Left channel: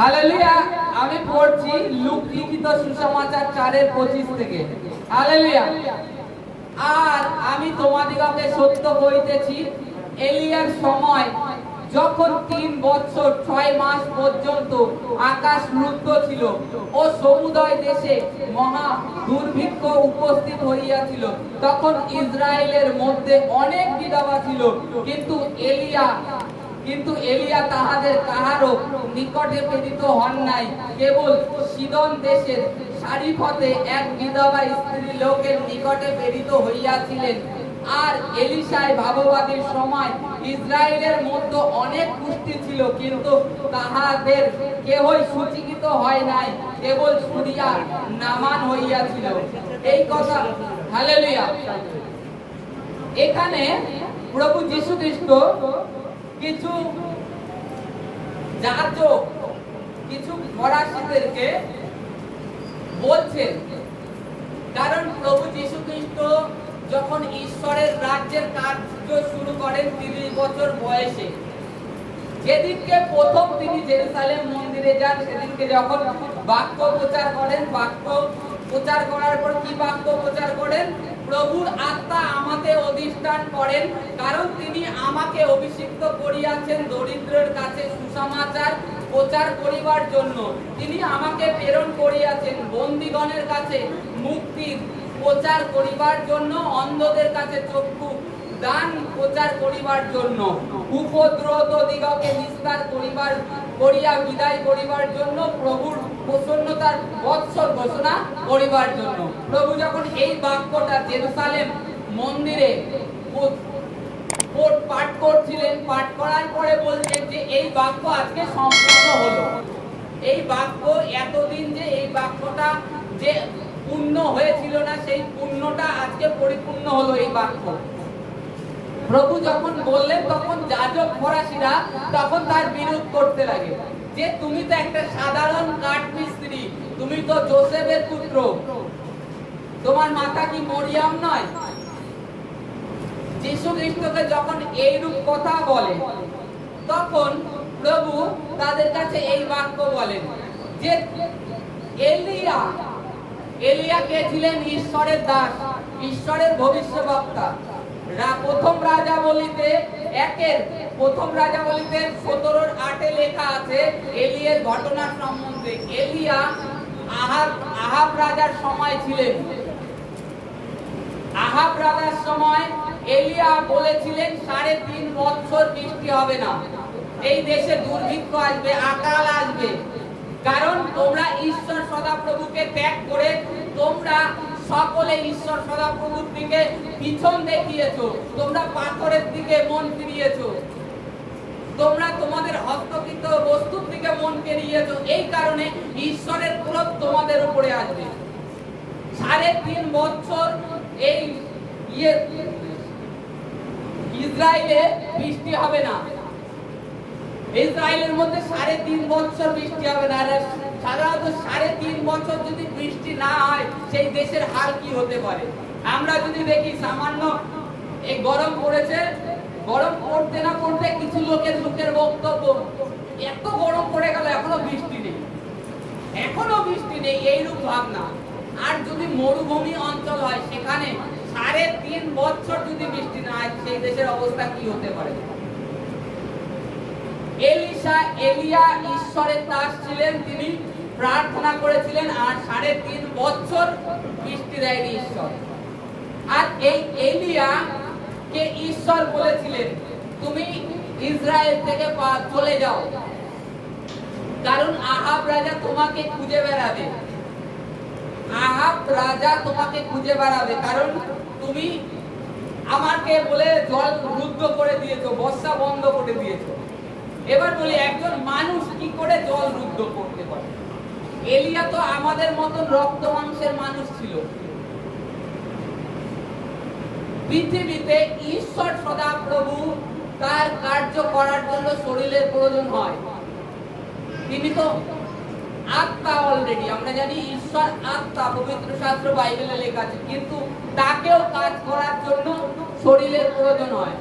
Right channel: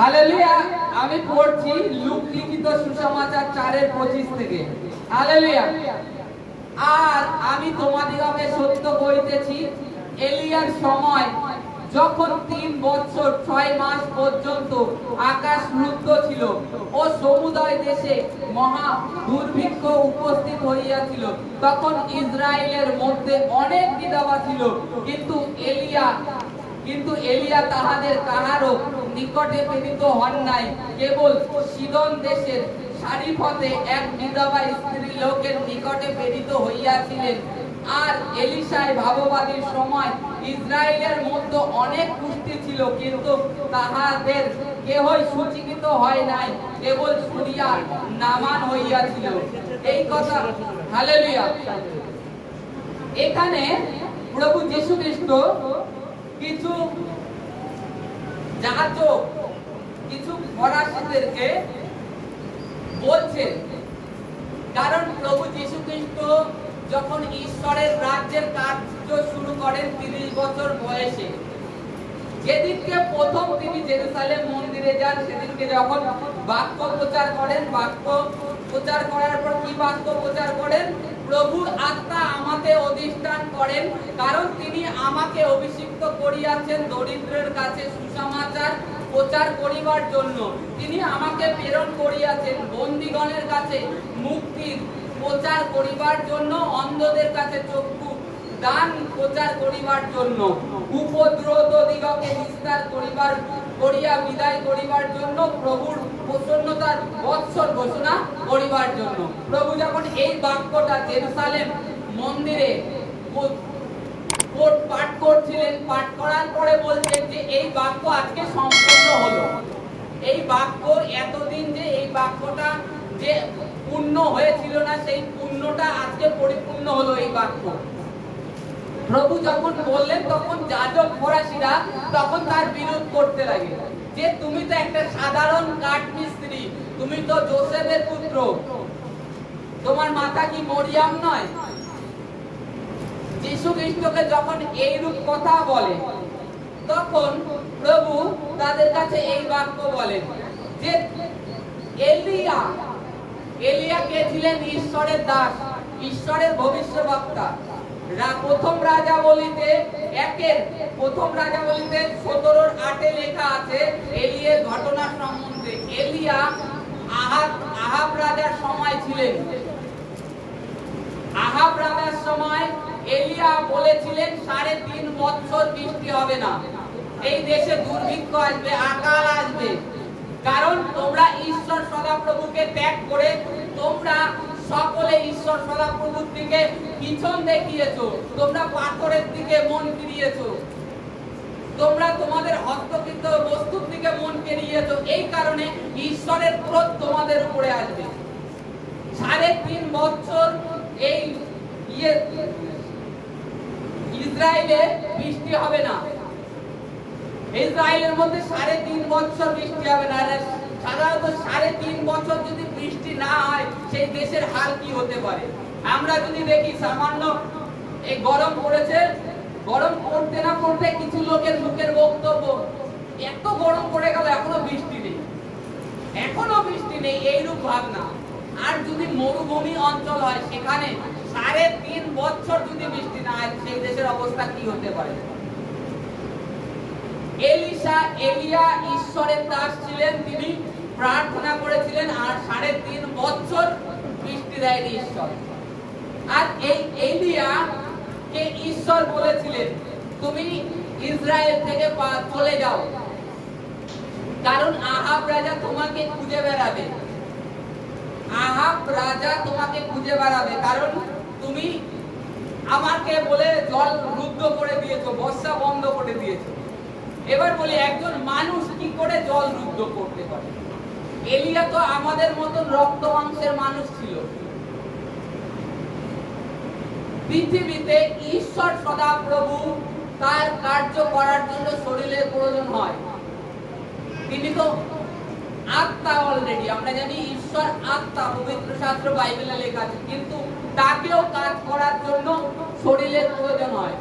Hallelujah. আমি পড়ছি লূক লিখিত সুসমাচার 4:25 থেকে। হালেলুয়া। আর আমি তোমাদিগকে সত্য কইতেছি, এলিয়ার সময় যখন 3 বছর 6 মাস পর্যন্ত আকাশ রুদ্ধ ছিল ও সমুদয় দেশে মহা দুর্ভিক্ষ উপস্থিত হইয়াছিল, তখন ইসরায়েলের মধ্যে অনেক বিধবা ছিল, কিন্তু এলিয়া তাহাদের কাহারও নিকটে প্রেরিত হন নাই, কেবল সিদন দেশের সারিফতে এক বিধবা স্ত্রী লোকের নিকটে প্রেরিত হইয়াছিলেন। আর এলিশায় ভাববাদীর সময় ইসরায়েলের মধ্যে অনেক কুষ্টি ছিল, কিন্তু তাহাদের কেহই সুচিকিত হয় নাই, কেবল সুরিয়া নামান হইয়াছিল। এই কথা। হালেলুয়া। এখানে প্রভু যীশু খ্রিস্ট কিছু যাজক, কিছু ফরাসিদেরকে বলছেন, কারণ প্রভু যীশু খ্রিস্ট যখন ঈশ্বরের রাজ্যের কার্য শুরু করেন 30 বছর বয়সে, যেদিনকে প্রথম তিনি জেরুসালেম মন্দিরে যান, সেদিনকে যখন বাক্য প্রচার করেন, বাক্য প্রচার করার পর কি বাক্য প্রচার করেন? প্রভুর আত্মা আমাকে অধিষ্ঠান করেন, কারণ তিনি আমাকে অভিষিক্ত করিয়াছেন দরিদ্রের কাছে সুসমাচার প্রচার করিবার জন্য। তিনি আমাকে প্রেরণ করিয়াছেন বন্দীগণের কাছে মুক্তির প্রচার করিবার জন্য, অন্ধদের কাছে চক্ষু দান প্রচার করিবার জন্য, উপদ্রুত দিগকে নিস্তার করিয়া বিদায় করিবার জন্য, প্রভুর প্রসন্নতার বৎসর ঘোষণা করিবার জন্য। প্রভু যখন এই বাক্যটা জেরুসালেম মন্দিরে পাঠ করছিলেন, পাঠ করার পরে বলছেন যে এই বাক্য আজকে সম্পূর্ণ হলো। এই বাক্য এতদিন যে এই বাক্যটা যে পূর্ণ হয়েছিল না, সেই পূর্ণটা আজকে পরিপূর্ণ হলো এই বাক্য। প্রভু যখন বললেন, তখন যাজক ফরাসিরা তখন তার বিরোধ করতে লাগে, যে তুমি তো একটা সাধারণ কাঠমিস্ত্রি, তুমি তো যোসেফের পুত্র, তোমার মাতা কি মরিয়াম নয়? যীশু খ্রিস্টকে যখন এইরূপ কথা বলে, তখন প্রভু তাদের কাছে এই বাক্য বলেন যে এলিয়া কে ছিলেন? ঈশ্বরের দাস, ঈশ্বরের ভবিষ্যদ্বক্তা। প্রথম রাজাবলীতে 17:8 লেখা আছে এলিয়ার ঘটনা সম্বন্ধে। এলিয়া আহাব রাজার সময় ছিলেন। আহাব রাজার সময় এলিয়া বলেছিলেন 3.5 বছর বৃষ্টি হবে না, এই দেশে দুর্ভিক্ষ আসবে, আকাল আসবে, কারণ তোমরা ঈশ্বর সদাপ্রভুকে ত্যাগ করে তোমরা সকলে ঈশ্বর সদাপ্রভুর দিকে পিছন দেখিয়েছো, তোমরা পাথরের দিকে মন ফিরিয়েছো, তোমরা তোমাদের হস্তকৃত বস্তুর দিকে মন ফিরিয়েছো। এই কারণে ঈশ্বরের ক্রোধ তোমাদের উপরে আসবে। 3.5 বছর এই ইসরায়েলে বৃষ্টি হবে না, ইসরায়েলের মধ্যে 3.5 বছর বৃষ্টি হবে না। সাধারণত 3.5 বছর যদি বৃষ্টি না হয়, সেই দেশের হাল কি হতে পারে? আমরা যদি দেখি সামান্য এই গরম পড়েছে, গরম পড়তে না পড়তে কিছু লোকের বক্তব্য, এত গরম পড়ে গেল এখনো বৃষ্টি নেই, এইরূপ ভাবনা। আর যদি মরুভূমি অঞ্চল হয়, সেখানে 3.5 বছর যদি বৃষ্টি না হয়, সেই দেশের অবস্থা কি হতে পারে? এলিয়া ঈশ্বরের দাস ছিলেন, তিনি প্রার্থনা করেছিলেন, আর 3.5 বছর বৃষ্টি দেয়নি ঈশ্বর। আর এই এলিয়া কে ঈশ্বর বলেছিলেন, তুমি ইসরায়েল থেকে চলে যাও, কারণ আহাব রাজা তোমাকে খুঁজে বেড়াবে। কারণ তুমি আমাকে বলে জল রুদ্ধ করে দিয়েছো, বর্ষা বন্ধ করে দিয়েছো। এবার বলি, একজন মানুষ কি করে জল রুদ্ধ করতে পারে? এলিয়া তো আমাদের মতন রক্ত মাংসের মানুষ ছিল। পৃথিবীতে ঈশ্বর সদাপ্রভু তার কার্য করার জন্য শরীরের প্রয়োজন হয়। তিনি তো আত্মা, অলরেডি আমরা জানি ঈশ্বর আত্মা, পবিত্র শাস্ত্র বাইবেলে লেখা আছে, কিন্তু তাকেও কাজ করার জন্য শরীরের প্রয়োজন হয়।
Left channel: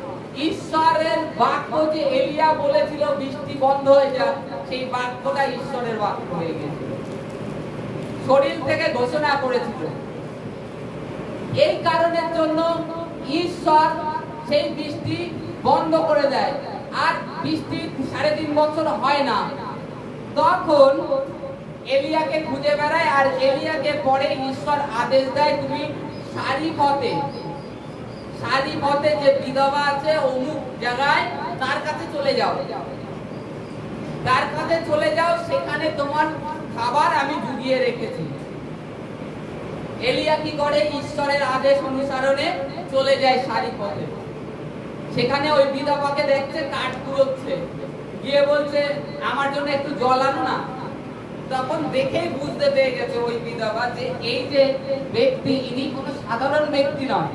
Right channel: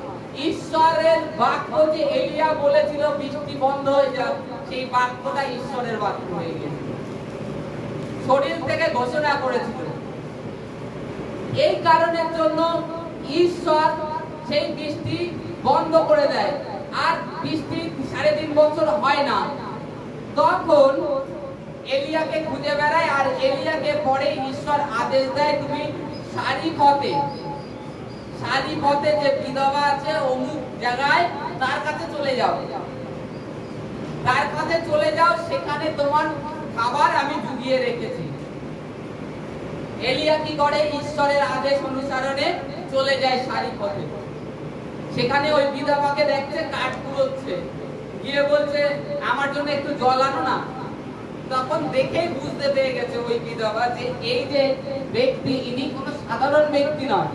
ঈশ্বরের বাক্য যে এলিয়া বলেছিল বৃষ্টি বন্ধ হয়ে যাক, সেই বাক্যটা ঈশ্বরের বাক্য হয়ে গেছিল, শরীর থেকে ঘোষণা করেছিল। এই কারণের জন্য ঈশ্বর সেই বৃষ্টি বন্ধ করে দেয়, আর বৃষ্টি 3.5 বছর হয় না। তখন এলিয়াকে খুঁজে বেড়ায়, আর এলিয়াকে পরে ঈশ্বর আদেশ দেয়, তুমি সারিপথে যে বিধবা আছে অমুক জায়গায় তার কাছে চলে যাও, সেখানে তোমার খাবার আমি জুগিয়ে রেখেছি। এলিয়া কি করে? ঈশ্বরের আদেশ অনুসরণে চলে যায় সারিপথে। সেখানে ওই বিধবাকে দেখছে কাঠ কুড়োচ্ছে, গিয়ে বলছে আমার জন্য একটু জল আনো না। তখন দেখেই বুঝতে পেরে গেছে ওই বিধবা যে এই যে ব্যক্তি, ইনি কোনো সাধারণ ব্যক্তি নয়।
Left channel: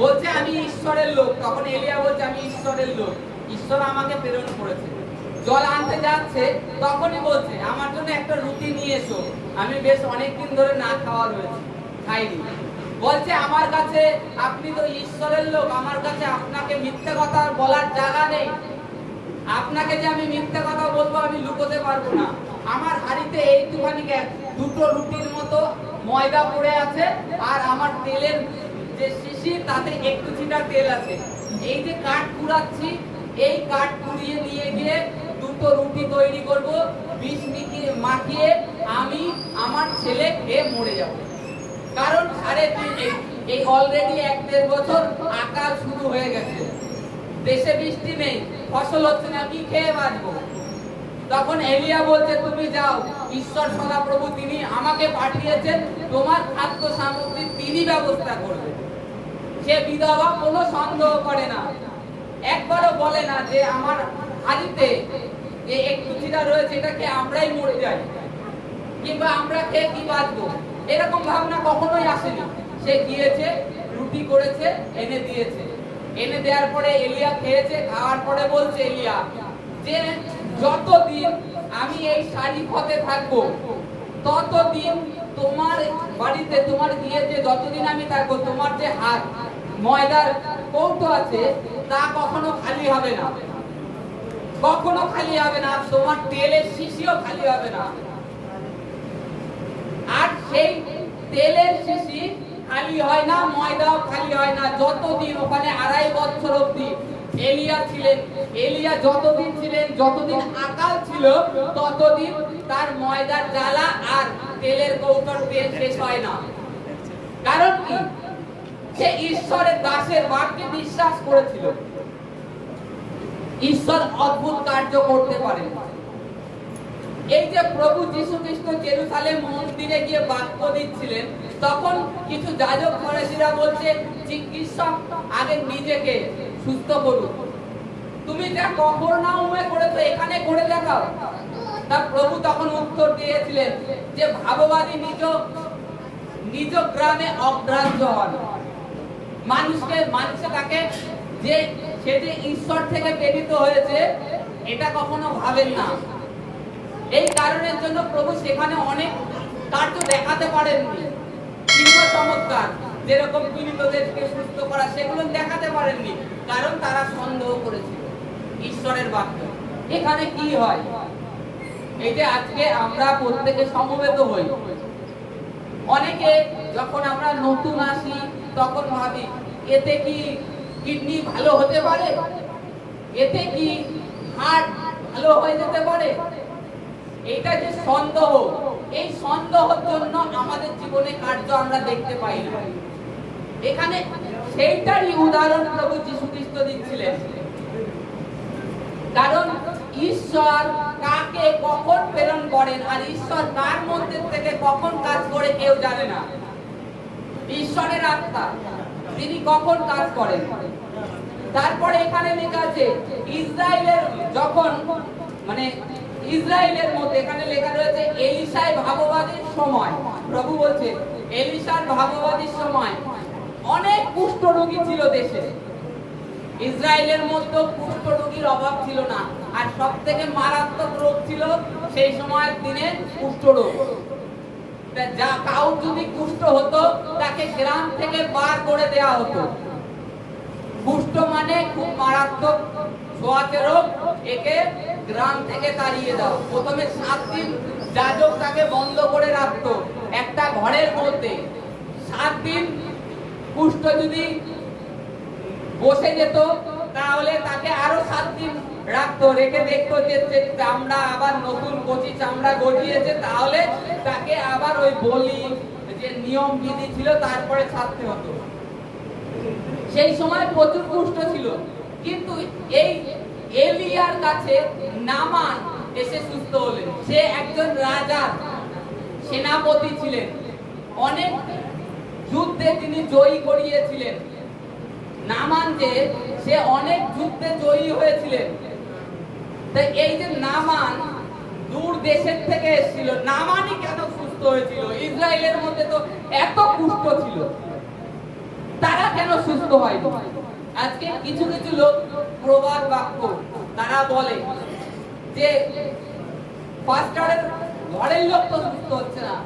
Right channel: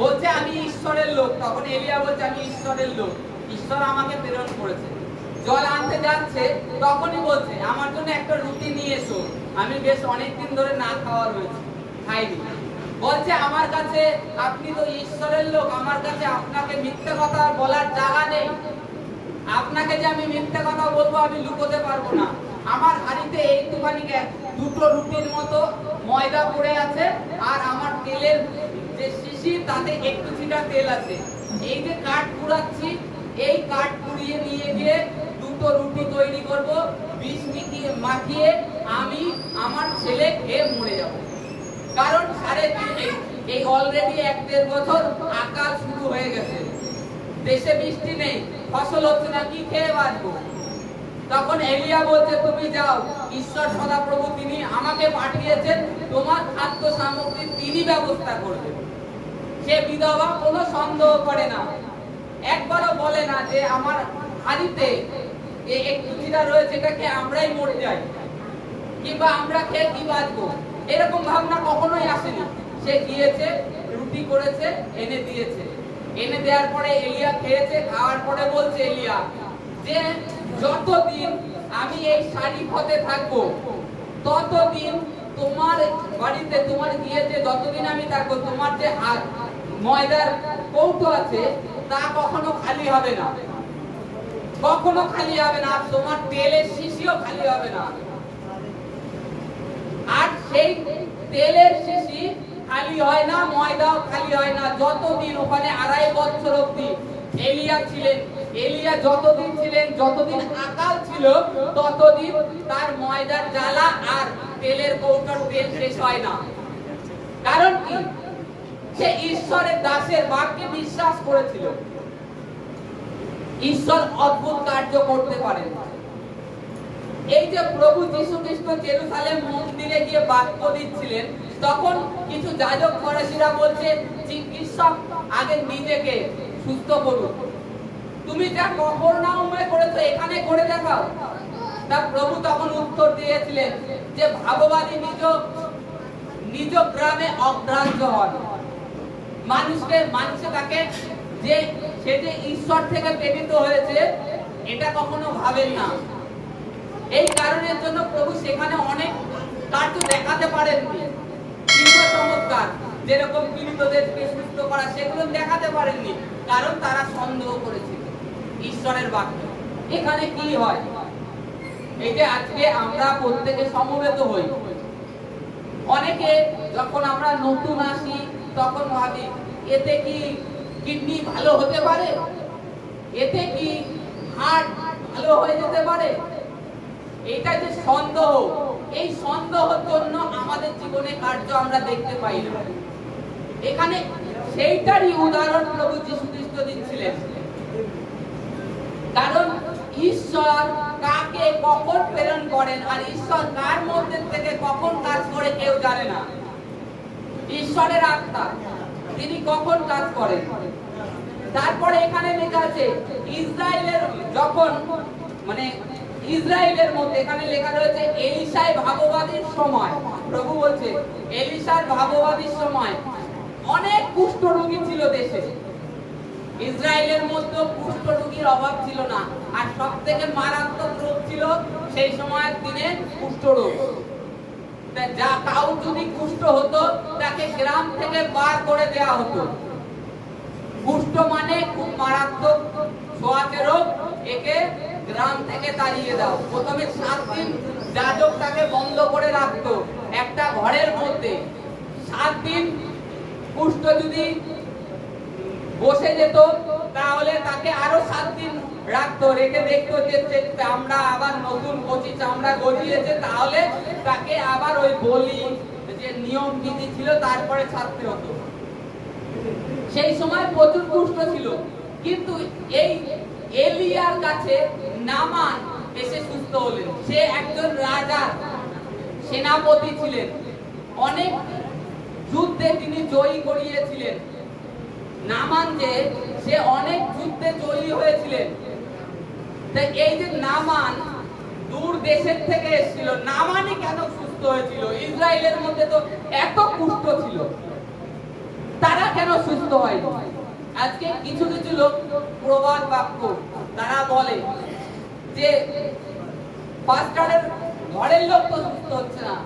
বলছে আমি ঈশ্বরের লোক। তখন এলিয়া বলছে আমি ঈশ্বরের লোক, ঈশ্বর আমাকে প্রেরণ করেছে। জল আনতে যাচ্ছে, তখনই বলছে আমার জন্য একটা রুটি নিয়ে এসো, আমি বেশ অনেকদিন ধরে না খাওয়া রয়েছে, খাইনি। বলছে আমার কাছে, আপনি তো ঈশ্বরের লোক, আমার কাছে আপনাকে মিথ্যা কথা বলার জায়গা নেই। আপনাকে যে আমি মিথ্যা কথা বলবো আমি লুকোতে পারবো না। আমার হাড়িতে এইটুখানি দুটো রুটির মতো ময়দা পড়ে আছে, আর আমার তেলের যে শিশি তাতে একটু ছিটা তেল আছে। এই যে কাঠ কুড়াচ্ছি, এই কাঠ কুড়িয়ে নিয়ে গিয়ে দুটো রুটি তৈরি করব, বিষ মাখিয়ে আমি আমার ছেলে খেয়ে মরে যাব। কারণ এই অলরেডি 1-1.5 বছর আকাল শুরু হয়ে গেছে, দেশে বৃষ্টি নেই, ফসল হচ্ছে না, কি খেয়ে বাঁচবো? তখন এলিয়া বলছে তুমি যাও, ঈশ্বর সদাপ্রভু তিনি আমাকে পাঠিয়েছেন, তোমার খাদ্য সামগ্রী তিনি ব্যবস্থা করবেন। সে বিধবা কোনো সন্দেহ করে না, একবারও বলে না যে আমার হাড়িতে একটু চিরা রয়েছে, এটাকে আমরাই মরে যাই, কিংবা আমরা খেয়ে কি বাঁচবো, এরকম ভাবনা কখনোই আসেনি। সে গিয়েছে, রুটি করেছে, এনে দিয়েছে। এনে দেওয়ার পরে এলিয়া খেয়েছে, খাওয়ার পরে বলছে এলিয়া যে যতদিন আমি এই সারিপথে থাকবো ততদিন তোমার বাড়িতে, তোমার গিয়েছে যতদিন আমি থাকবো, তোমার যে হাত ময়দার কৌটো আছে তা কখনো খালি হবে না, কখনো খালি হবে না, তোমার তেলের শিশিও খালি হবে না। আর সেই তেলের শিশি খালি হয় না, ময়দাও খালি হয় না, যতদিন ওখানে 2.5 বছর অবধি এলিয়া যতদিন ছিলেন, যতদিন আকাল ছিল, ততদিন তার ময়দার জ্বালা আর তেলের কৌটোর তেল শেষ হয় না। কারণ কি? সে ঈশ্বরের দাসের বাক্যে বিশ্বাস করেছিল। ঈশ্বর অদ্ভুত কার্য করতে পারেন। এই যে প্রভু যীশু খ্রিস্ট জেরুসালেম মন্দিরে গিয়ে বাক্য দিচ্ছিলেন, তখন কিছু যাজক ফরিসিরা বলছে চিকিৎসক আগে নিজেকে সুস্থ করুন, তুমি যা কফরনাউমে করেছো এখানে করে দেখাও। তা প্রভু তখন উত্তর দিয়েছিলেন যে ভাববাদী নিজ গ্রামে অগ্রাহ্য হন। মানুষে তাকে যে সে যে ঈশ্বর থেকে প্রেরিত হয়েছে এটা কখনো ভাবেন না। এই কারণের জন্য প্রভু সেখানে অনেক কার্য দেখাতে পারেননি, কিন্তু চমৎকার যেরকম পীড়িতদেরকে সুস্থ করা সেগুলো দেখাতে পারেননি, কারণ তারা সন্দেহ করেছিল ঈশ্বরের বাক্য। এখানে কি হয়? এই যে আজকে আমরা প্রত্যেকে সমবেত হই, অনেকে যখন আমরা নতুন আসি তখন ভাবি এতে কি কিডনি ভালো হতে পারে, এতে কি হার্ট ভালো হয়ে যেতে পারে। এটা যে সন্দেহ, এই সন্দেহের জন্য আমাদের জীবনে কার্য আমরা দেখতে পাই না। এখানে সেইটারই উদাহরণ প্রভু যীশু খ্রিস্ট দিচ্ছিলেন। কারণ ঈশ্বর কাকে কখন প্রেরণ করেন আর ঈশ্বর কার মধ্যে থেকে কখন কাজ করে কেউ জানে না। ঈশ্বরের আত্মা তিনি কখন কাজ করেন। তারপরে এখানে লেখা আছে ইসরায়েলের যখন ইসরায়েলের মধ্যে এখানে লেখা রয়েছে এলিশার ভাববাদীর সময়। প্রভু বলছে এলিশার ভাববাদীর সময় অনেক কুষ্ঠ রোগী ছিল দেশে। ইসরায়েলের মধ্যে কুষ্ঠ রোগীর অভাব ছিল না, আর সবথেকে মারাত্মক রোগ ছিল সেই সময়ের দিনে কুষ্ঠ রোগ। যা কাউ যদি কুষ্ঠ হতো তাকে গ্রাম থেকে বার করে দেওয়া হতো। কুষ্ঠ মানে খুব মারাত্মক ছোঁয়াচে রোগ, একে গ্রাম থেকে তাড়িয়ে দাও। প্রথমে 7 দিন যাজক তাকে বন্ধ করে রাখতো একটা ঘরের মধ্যে। 7 দিন কুষ্ঠ যদি বসে যেত তাহলে তাকে আরো 7 দিন রাখতো, রেখে দেখতো যে চামড়া আবার নতুন কচি চামড়া গজিয়েছে, তাহলে তাকে আবার ওই বলি যে নিয়ম বিধি ছিল তারপরে ছাড়তে হতো। সেই সময় প্রচুর কুষ্ঠ ছিল, কিন্তু এই এলিয়ার কাছে নামান এসে সুস্থ হলেন। সে একজন রাজার সেনাপতি ছিলেন, অনেক যুদ্ধে তিনি জয়ী করিয়েছিলেন। নামান যে সে অনেক যুদ্ধে জয়ী হয়েছিলেন। তাই এই যে নামান দূর দেশের থেকে এসেছিল, নামানই কেন সুস্থ হয়েছিল? ইসরায়েলের মধ্যে তো এত কুষ্ঠ ছিল, তারা কেন সুস্থ হয়নি? আজকে কিছু কিছু লোক প্রবাদ বাক্য তারা বলে যে পাস্টারের ঘরের লোক তো সুস্থ হচ্ছে না,